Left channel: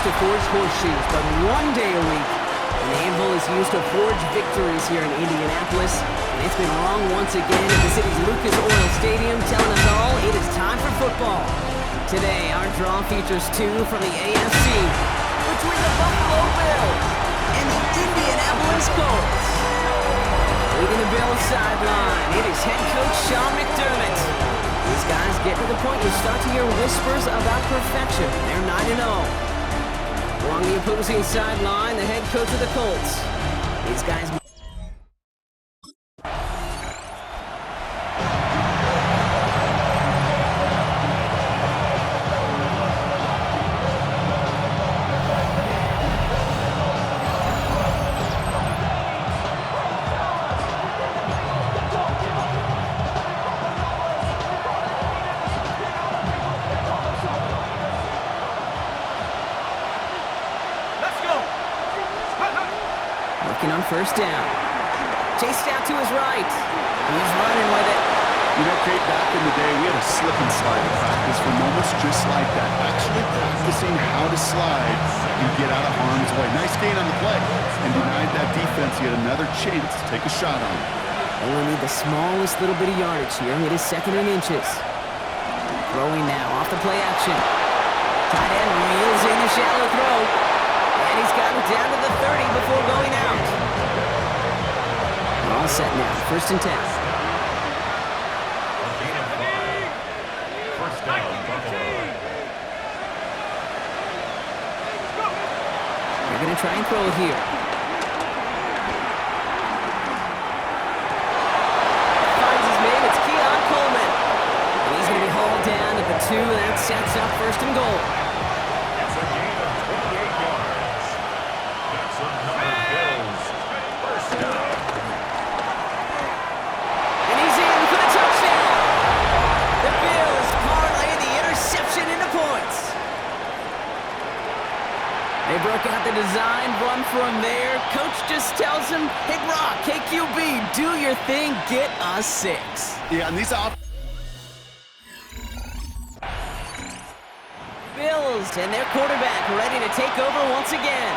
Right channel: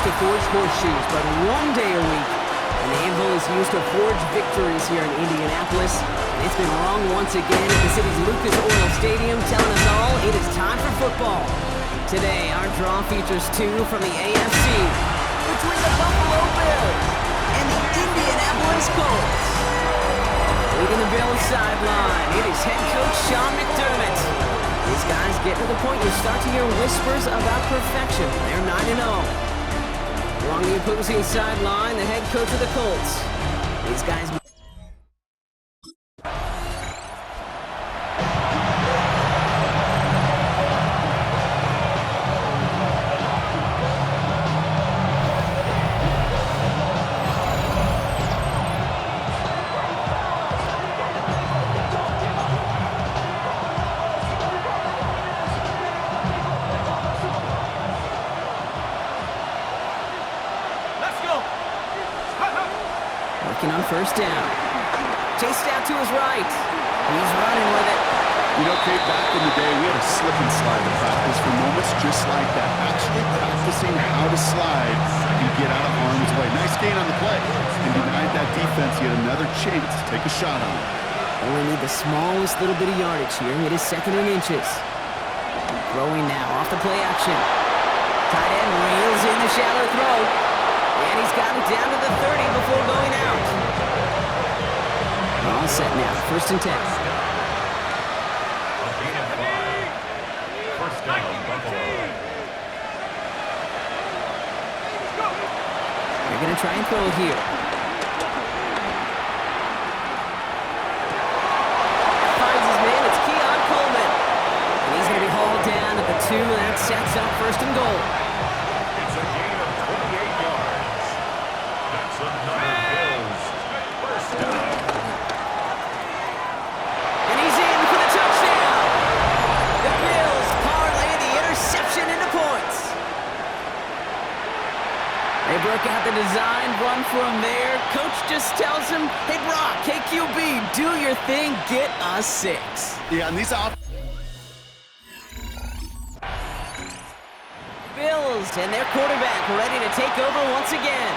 used to forge horseshoes, but one day a week, an anvil is used to forge victories here in Indianapolis. And it's been wrong once again at the city's Lucas Oil Stadium, telling us all it is time for football. Today, our draw features two from the AFC, between the Buffalo Bills and the Indianapolis Colts. Leading the Bills sideline, it is head coach Sean McDermott. These guys get to the point you start to hear whispers about perfection. They're 9-0. Along the opposing sideline, the head coach of the Colts. These guys... Working on first down. Chased out to his right. He's running with it. You know, Kate, back in the day, we had a slip and slide in practice for moments just like that. Actually practicing how to slide and get out of harm's way. Nice gain on the play. And denied that defense yet another chance to take a shot on him. Only need the smallest little bit of yardage here. It is 2nd and inches. Throwing now off the play action. Tight end reels in the shallow throw. And he's got it down to the 30 before going out. All set now. 1st and 10. First down, Buffalo. They're going to try and throw it here. Finds his man. It's Keon Coleman. And he's going to be hauled down at the 2. That sets up 1st and goal. It's a gain of 28 yards. That's another Bills first down. And he's in for the touchdown. The Bills parlay the interception into points. They broke out the design run from there. Coach just tells him, hey, Brock, KQB, do your thing, get us 6. Yeah, and these Bills and their quarterback ready to take over once again.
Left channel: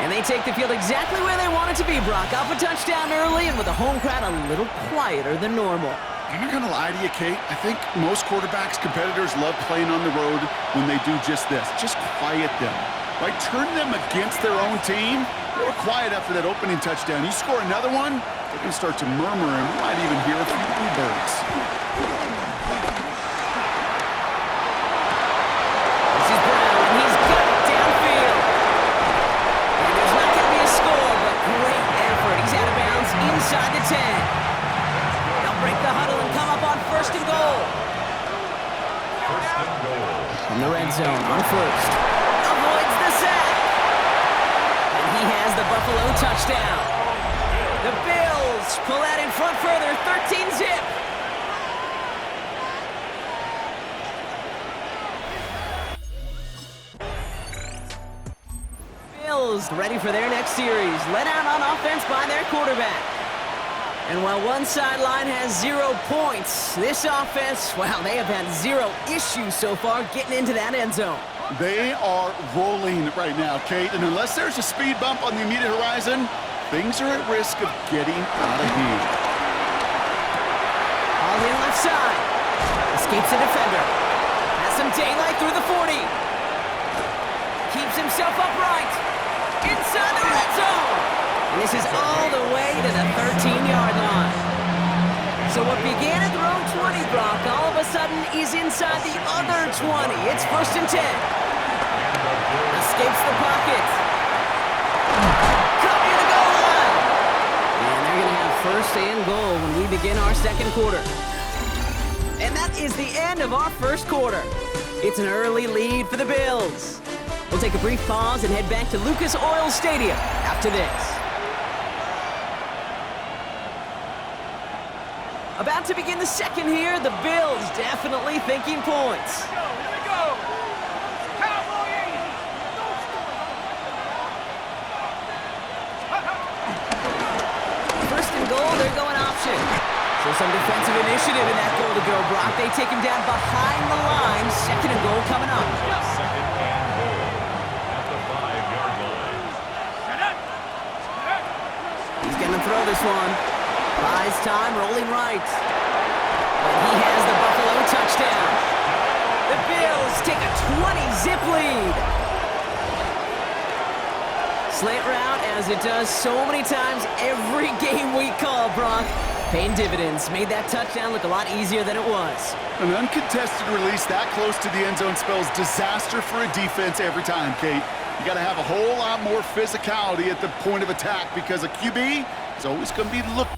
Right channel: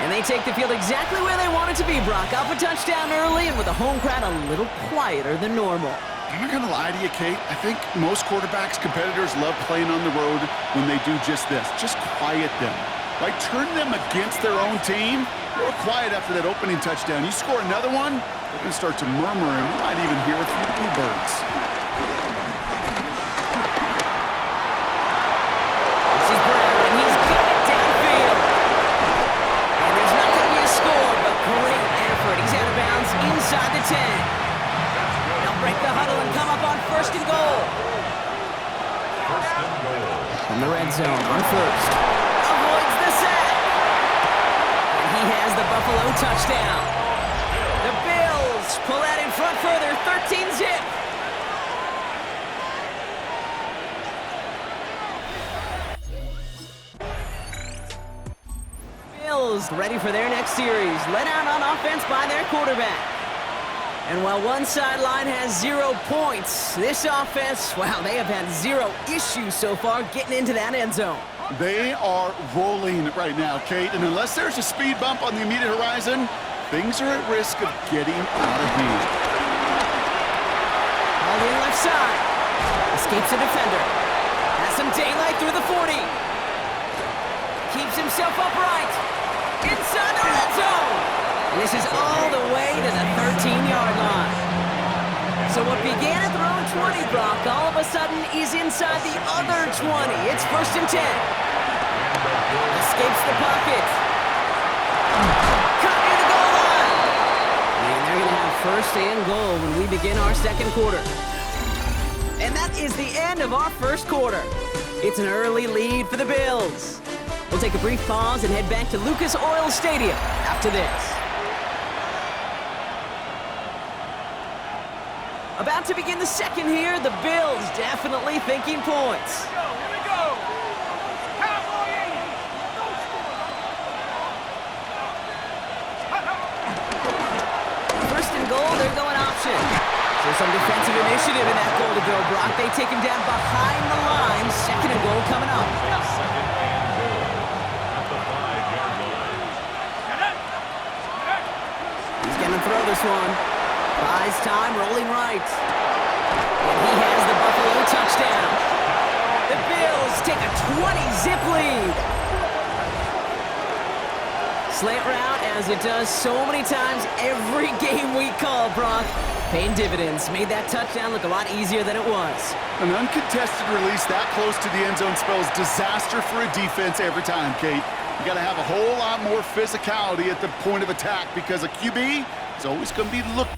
And they take the field exactly where they want it to be, Brock. Up a touchdown early and with the home crowd a little quieter than normal. I'm not going to lie to you, Kate. I think most quarterbacks, competitors love playing on the road when they do just this. Just quiet them. Right? Turn them against their own team. They were quiet after that opening touchdown. You score another one, they're going to start to murmur, and we might even hear a few bluebirds. This is Brown, and he's got it downfield. And there's not going to be a score, but great effort. He's out of bounds inside the 10. They'll break the huddle and come up on 1st and goal. First and goal. From the red zone on 1st. Avoids the sack. And he has the Buffalo touchdown. The Bills pull out in front further, 13-zip. Bills ready for their next series, led out on offense by their quarterback. And while one sideline has 0 points, this offense, wow, they have had 0 issues so far getting into that end zone. They are rolling right now, Kate, and unless there's a speed bump on the immediate horizon, things are at risk of getting out of hand. All in left side. Escapes a defender. Has some daylight through the 40. Keeps himself upright. Inside the red zone. And this is all the way to the 13-yard line. So what began at their own 20, Brock, all of a sudden is inside the other 20. It's 1st and 10. Escapes the pocket. Cut near the goal line. And they're going to have 1st and goal when we begin our 2nd quarter. And that is the end of our 1st quarter. It's an early lead for the Bills. We'll take a brief pause and head back to Lucas Oil Stadium after this. About to begin the 2nd here, the Bills definitely thinking points. Here we go. Cowboy 80. First and goal, they're going option. So some defensive initiative in that goal to go, Brock. They take him down behind the line. 2nd and goal coming up. 2nd and goal. At this one. Buys time, rolling right. And he has the Buffalo touchdown. The Bills take a 20-zip lead. Slant route, as it does so many times every game we call, Brock. Paying dividends. Made that touchdown look a lot easier than it was. An uncontested release that close to the end zone spells disaster for a defense every time, Kate. You got to have a whole lot more physicality at the point of attack because a QB is always going to be looking.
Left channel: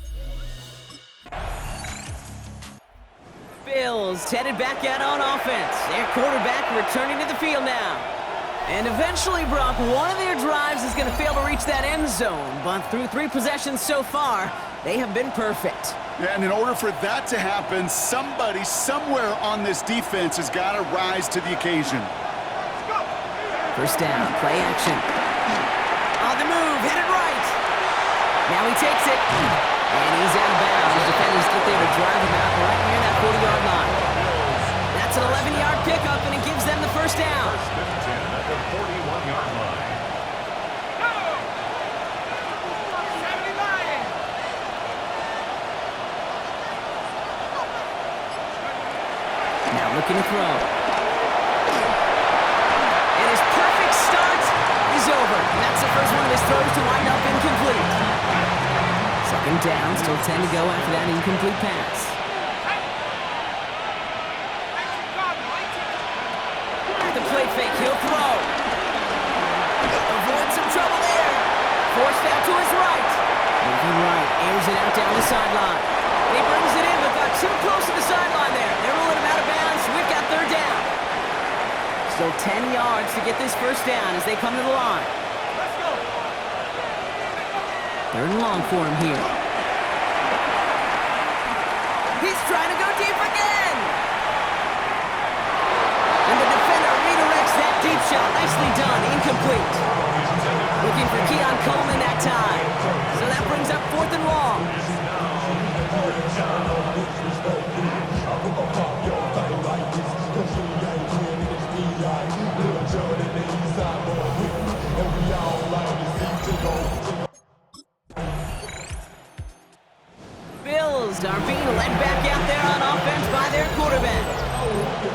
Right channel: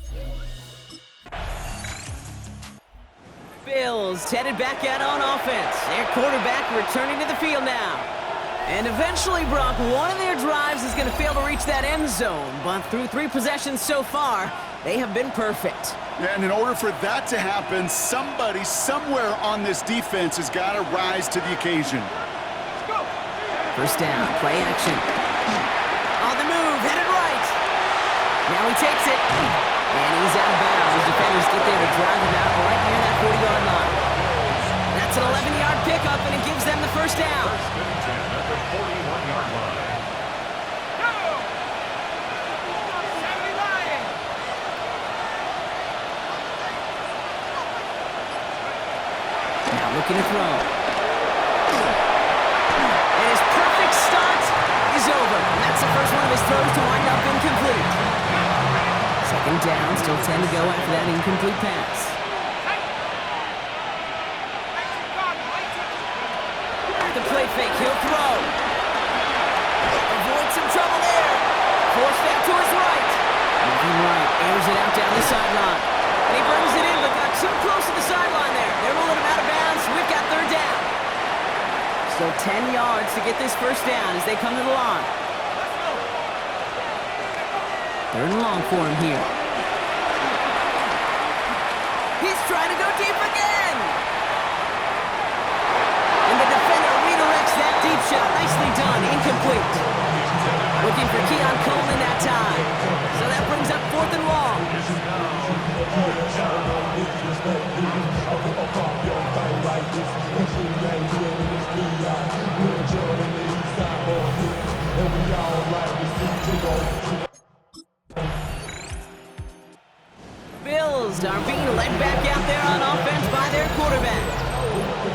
Bills headed back out on offense. Their quarterback returning to the field now. And eventually, Brock, one of their drives is going to fail to reach that end zone. But through 3 possessions so far, they have been perfect. Yeah, and in order for that to happen, somebody somewhere on this defense has got to rise to the occasion. First down, play action. On the move, headed right. Now he takes it. And he's out of bounds. The defenders get there to drive him out right near that 40-yard line. That's an 11-yard pickup, and it gives them the first down. First and 10 at the 41-yard line. Now looking to throw. And his perfect start is over. And that's the first one of his throws to wind up incomplete. Second down, still 10 to go after that incomplete pass. At the play fake, he'll throw. Avoid some trouble there. Forced out to his right. Moving right, airs it out down the sideline. And he brings it in, but got too close to the sideline there. They're ruling him out of bounds. We've got third down. Still 10 yards to get this first down as they come to the line. Let's go. Third and long for him here. He's trying to go deep again. And the defender redirects that deep shot. Nicely done. Incomplete. Looking for Keon Coleman that time. So that brings up fourth and long. Bills are being led back out there on offense by their quarterback.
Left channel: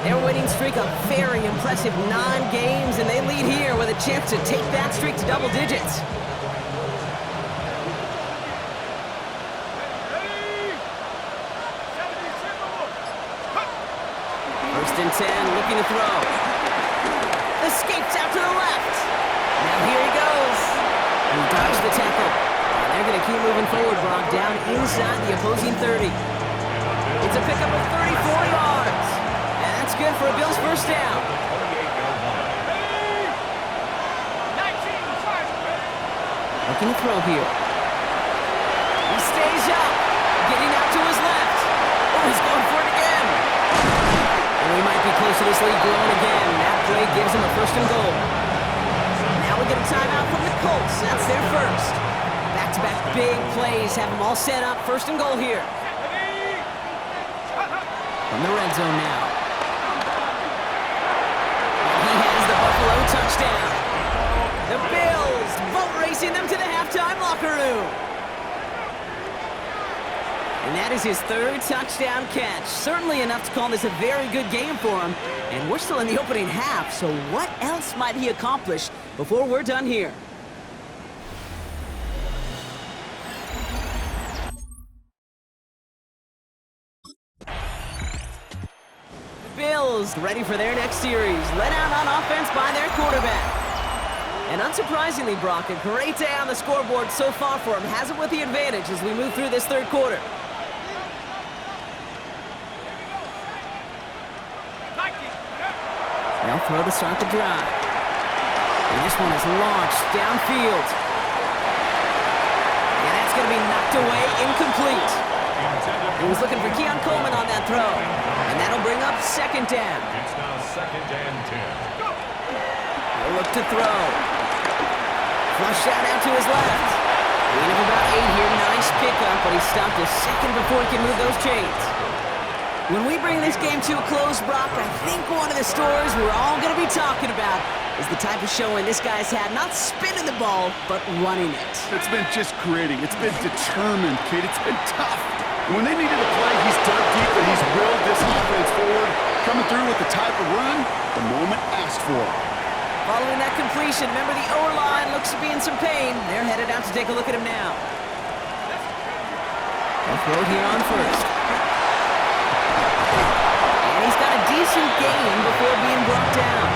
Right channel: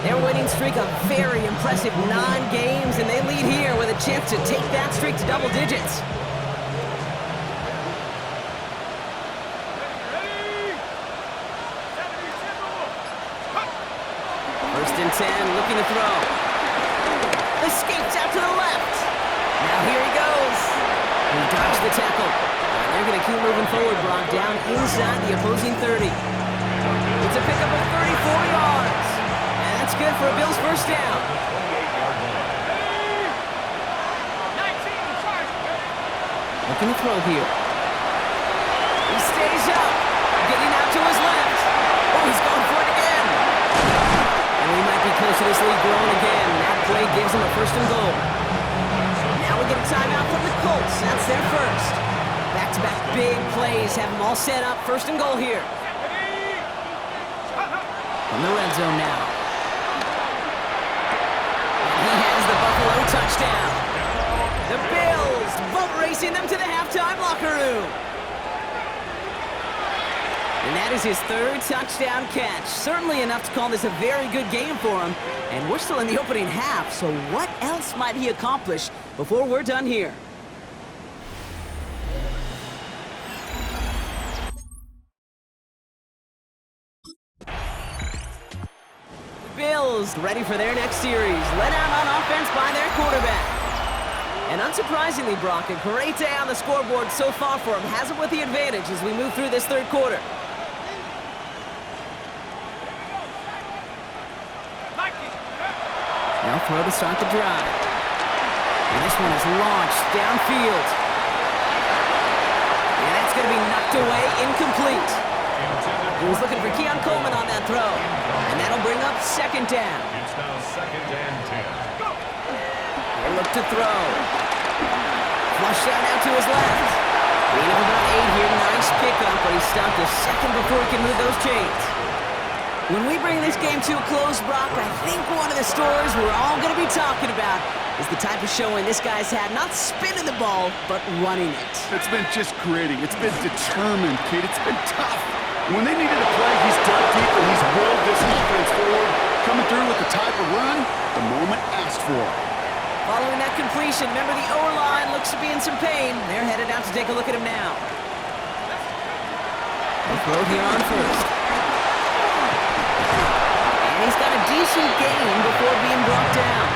Their winning streak a very impressive 9 games, and they lead here with a chance to take that streak to double digits. First and 10, looking to throw. Escapes out to the left. Now here he goes. He dodged the tackle. And they're going to keep moving forward, Brock, down inside the opposing 30. It's a pickup of 34 yards. And that's good for a Bills first down. Looking to throw here. He stays up. Getting out to his left. Oh, he's going for it again. And we might be close to this lead growing again. That play gives him a first and goal. Now we get a timeout from the Colts. That's their first. Back-to-back big plays have them all set up. First and goal here. From the red zone now. And he has the Buffalo touchdown. The Bills boat racing them to the halftime locker room. And that is his 3rd touchdown catch. Certainly enough to call this a very good game for him. And we're still in the opening half, so what else might he accomplish before we're done here? The Bills ready for their next series. Led out on offense by their quarterback. And unsurprisingly, Brock, a great day on the scoreboard so far for him. Has it with the advantage as we move through this third quarter. Now throw to start the drive. And this one is launched downfield. And that's going to be knocked away, incomplete. He was looking for Keon Coleman on that throw. And that'll bring up second down. It's now 2nd and 10. He'll look to throw. Flush out out to his left. Gain of about 8 here. Nice pickup, but he stopped a second before he can move those chains. When we bring this game to a close, Brock, I think one of the stories we're all going to be talking about is the type of showing this guy's had, not spinning the ball, but running it. It's been just gritty. It's been determined, kid. It's been tough. And when they needed to play, he's dug deep and he's willed this offense forward, coming through with the type of run the moment asked for. Following that completion, remember the O-line looks to be in some pain. They're headed out to take a look at him now. They'll throw it here on first. And he's got a decent gain before being brought down.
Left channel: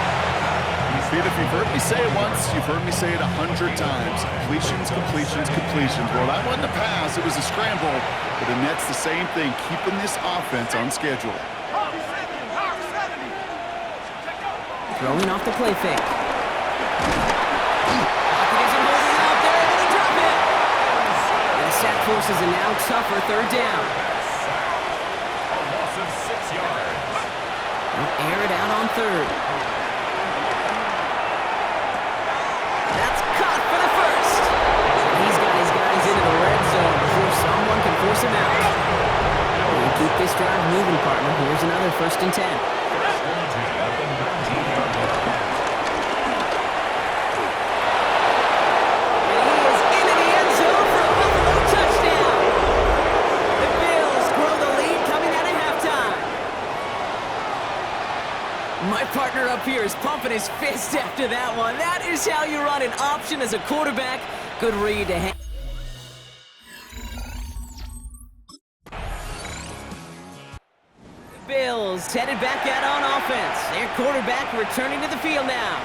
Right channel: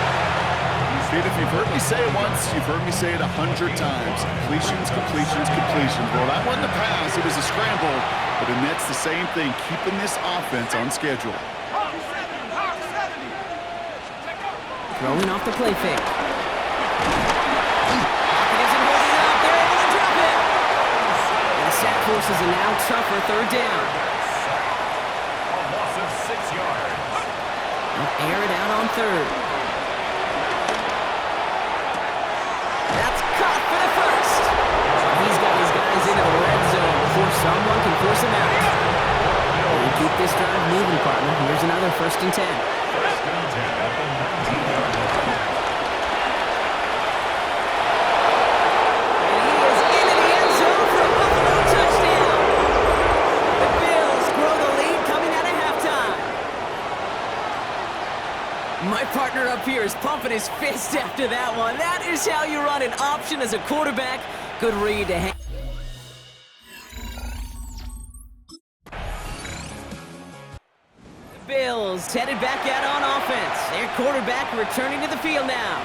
Kid, if you've heard me say it once, you've heard me say it 100 times. Completions, completions, completions. Well, that wasn't a pass. It was a scramble. But the Nets, the same thing, keeping this offense on schedule. Throwing off the play fake. Pocket isn't holding up. They're able to drop it. And a sack forces a now tougher third down. A loss of 6 yards. They'll air it out on third. That's caught for the first. He's got his guys into the red zone before someone can force him out. And keep this drive moving, partner. Here's another 1st and 10. 1st and 10 at the 19-yard line. And he is into the end zone for a Buffalo touchdown. The Bills grow the lead coming out of halftime. My partner up here is pumping his fist after that one. That is how you run an option as a quarterback. Good read to hang. The Bills headed back out on offense. Their quarterback returning to the field now.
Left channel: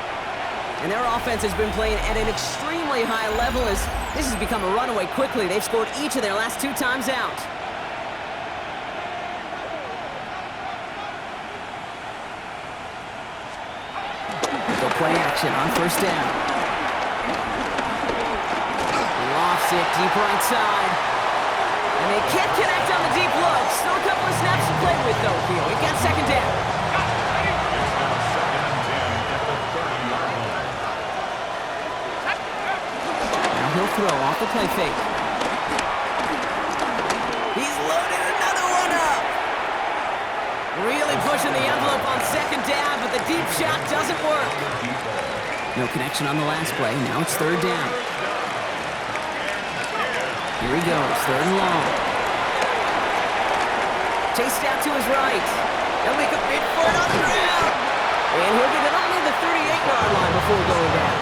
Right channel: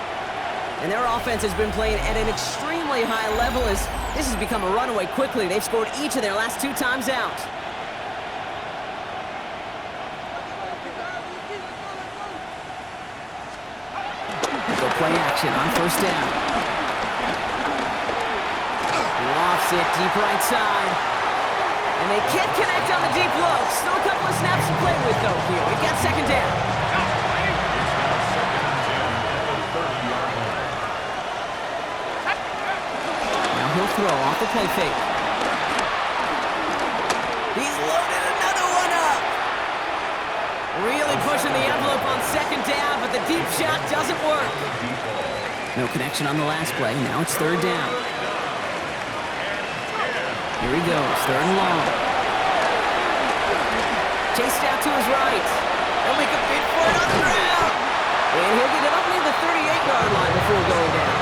And their offense has been playing at an extremely high level as this has become a runaway quickly. They've scored each of their last 2 times out. Go play action on 1st down. He lofts it deep right side. And they can't connect on the deep low. Still a couple of snaps to play with, though, here. We've got 2nd down. It's now 2nd and 10 at the 30-yard line. Now he'll throw off the play fake. He's loaded another one up. Really pushing the envelope on 2nd down, but the deep shot doesn't work. No connection on the last play. Now it's 3rd down. Here he goes, 3rd and long. Chased out to his right. They'll make a bid for it on the ground. And he'll get it up near the 38-yard line before going down.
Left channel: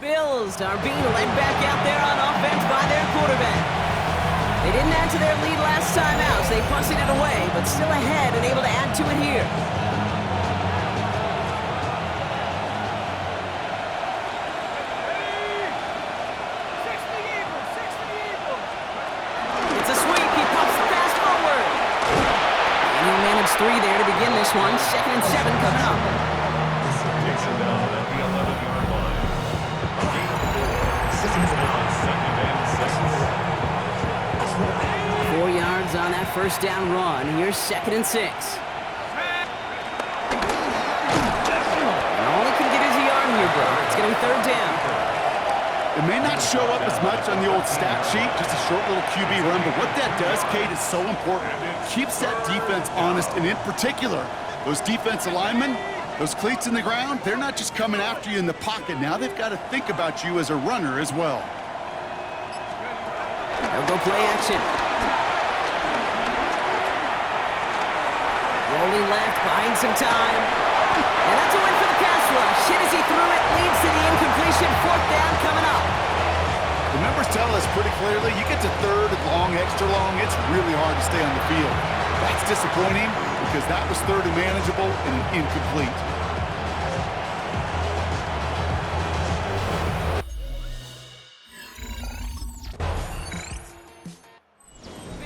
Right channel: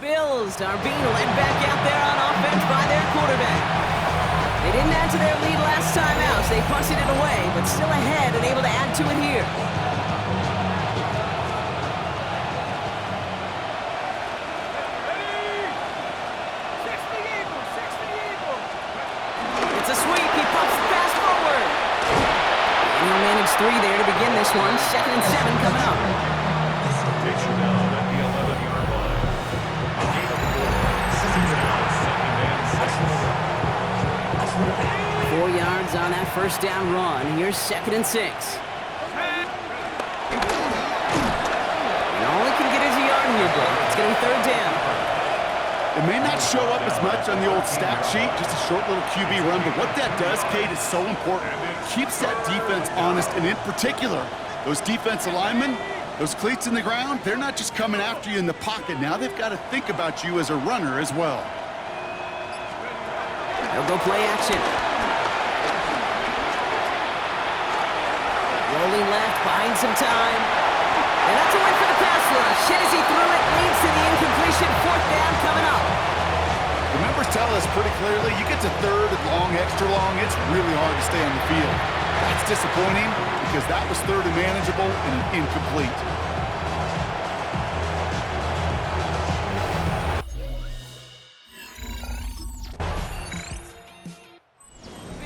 Bills are being led back out there on offense by their quarterback. They didn't add to their lead last time out, so they punted it away, but still ahead and able to add to it here. It's a sweep. He pumps the pass forward. And he'll manage 3 there to begin this one. 2nd and 7 coming up. Taken down at the 11-yard line. A gain of 4. It's now 2nd and 6. 4 yards on that 1st down run. Here's 2nd and 6. And all he can get is a yard here, bro. It's going to be 3rd down. It may not show up as much on the old stat sheet, just a short little QB run, but what that does, Kate, is so important. Keeps that defense honest, and in particular, those defensive linemen, those cleats in the ground, they're not just coming after you in the pocket. Now they've got to think about you as a runner as well. They'll go play action. Rolling left, buying some time. And that's a win for the pass rush. Hit as he threw it, leads to the incompletion. 4th down coming up. The numbers tell us pretty clearly, you get to 3rd and long, extra long, it's really hard to stay on the field. That's disappointing because that was 3rd and manageable and an incomplete.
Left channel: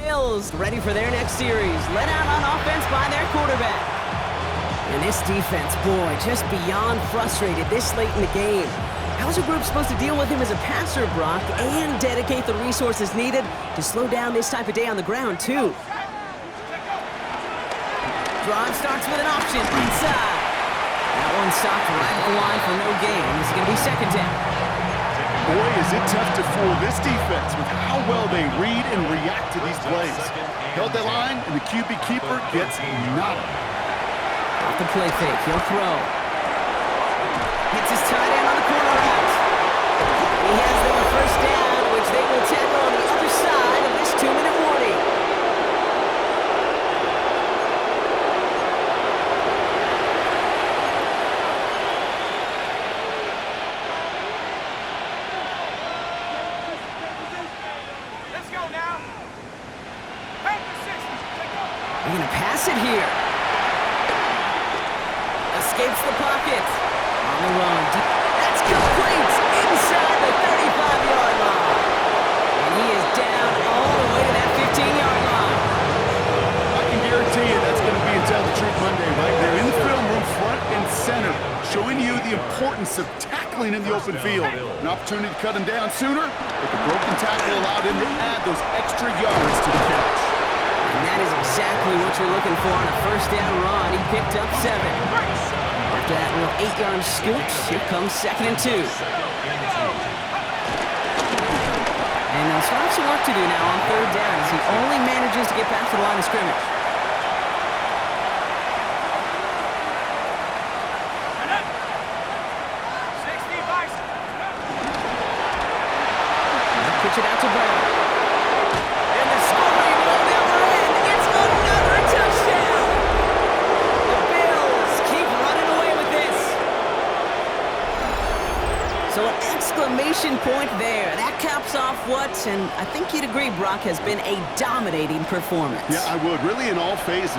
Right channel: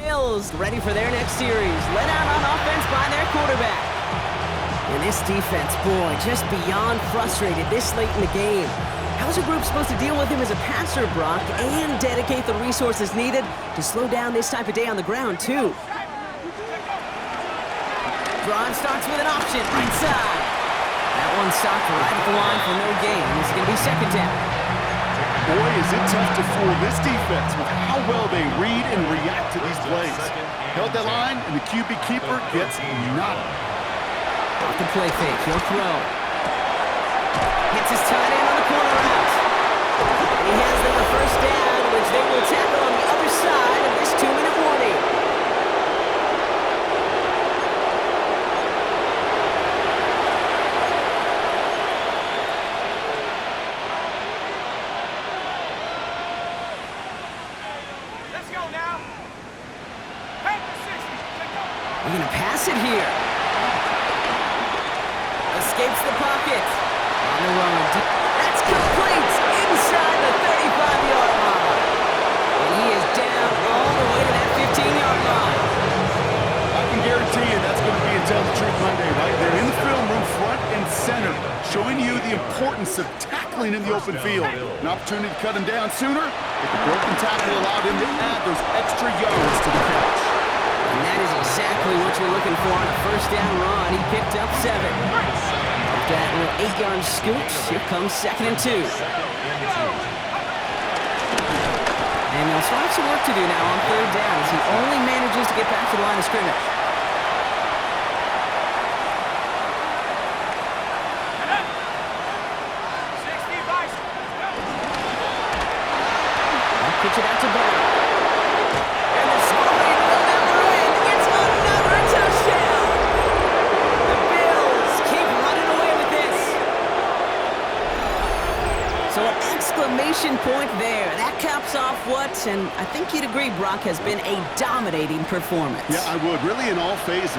Bills ready for their next series. Led out on offense by their quarterback. And this defense, boy, just beyond frustrated this late in the game. How's a group supposed to deal with him as a passer, Brock, and dedicate the resources needed to slow down this type of day on the ground, too? Drive starts with an option, right side. That one stopped right at the line for no gain. This is going to be 2nd down. Boy, is it tough to fool this defense with how well they read and react to these plays. Held that line, and the QB keeper gets nada. Off the play fake, he'll throw. Hits his tight end on the corner route. And he has them a first down, which they will tackle on the other side of this 2-minute warning. They're going to pass it here. Escapes the pocket. On the run. That's complete inside the 35-yard line. And he is down all the way to that 15-yard line. I can guarantee you that's going to be in Tell the Truth Monday, right? They're in the film room front and center, showing you the importance of tackling in the open field. An opportunity to cut him down sooner, but the broken tackle allowed him to add those extra yards to the catch. And that is exactly what you're looking for on a first down run. He picked up 7. After that little 8-yard scoot, here comes 2nd and 2. And they'll still have some work to do now on 3rd down as he only manages to get back to the line of scrimmage. They'll pitch it out to Brown. And the scoring will never end. It's another touchdown. The Bills keep running away with this. So an exclamation point there. That caps off what, and I think you'd agree, Brock, has been a dominating performance. Yeah, I would. Really in all phases.